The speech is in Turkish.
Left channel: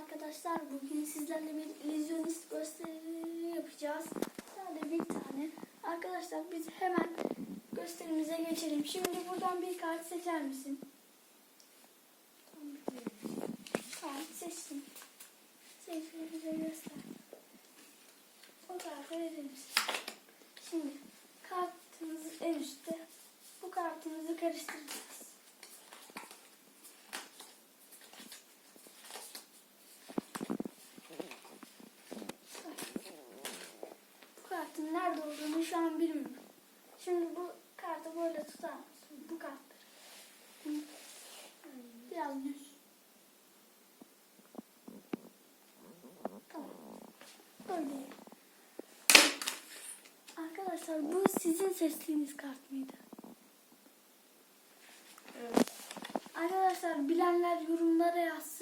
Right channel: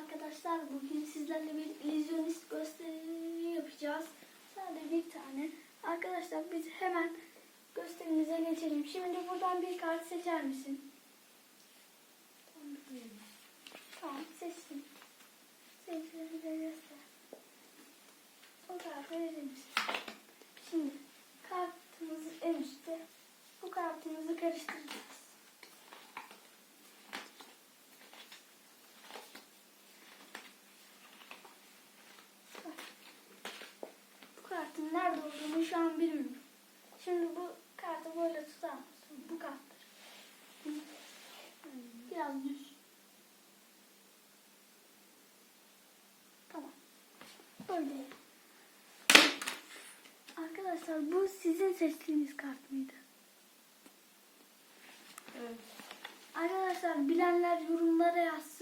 arkadaşlar. Bugün sizlerle bir illüzyonist gösteri yapacağız. Sadece bir tane. Arkadaşlar biz hemen gösterimize geçelim. Şimdi buradan bir kart seçer misin? Tamam seçtim. Seçimi bize göster. O kartı verir misin? Şimdi kartımız en üstte. Bu kartımızı karıştıracağız. Bu kartın nerede olduğunu şu an bilmiyorum. Şimdi bu kartı böyle tutar mısın? Bu karttır. Biraz düz. Tamam. Böyle. Arkadaşlar bu sizin seçtiğiniz kart mıydı? Evet. Arkadaşlar bilenler yorumlara yazsın.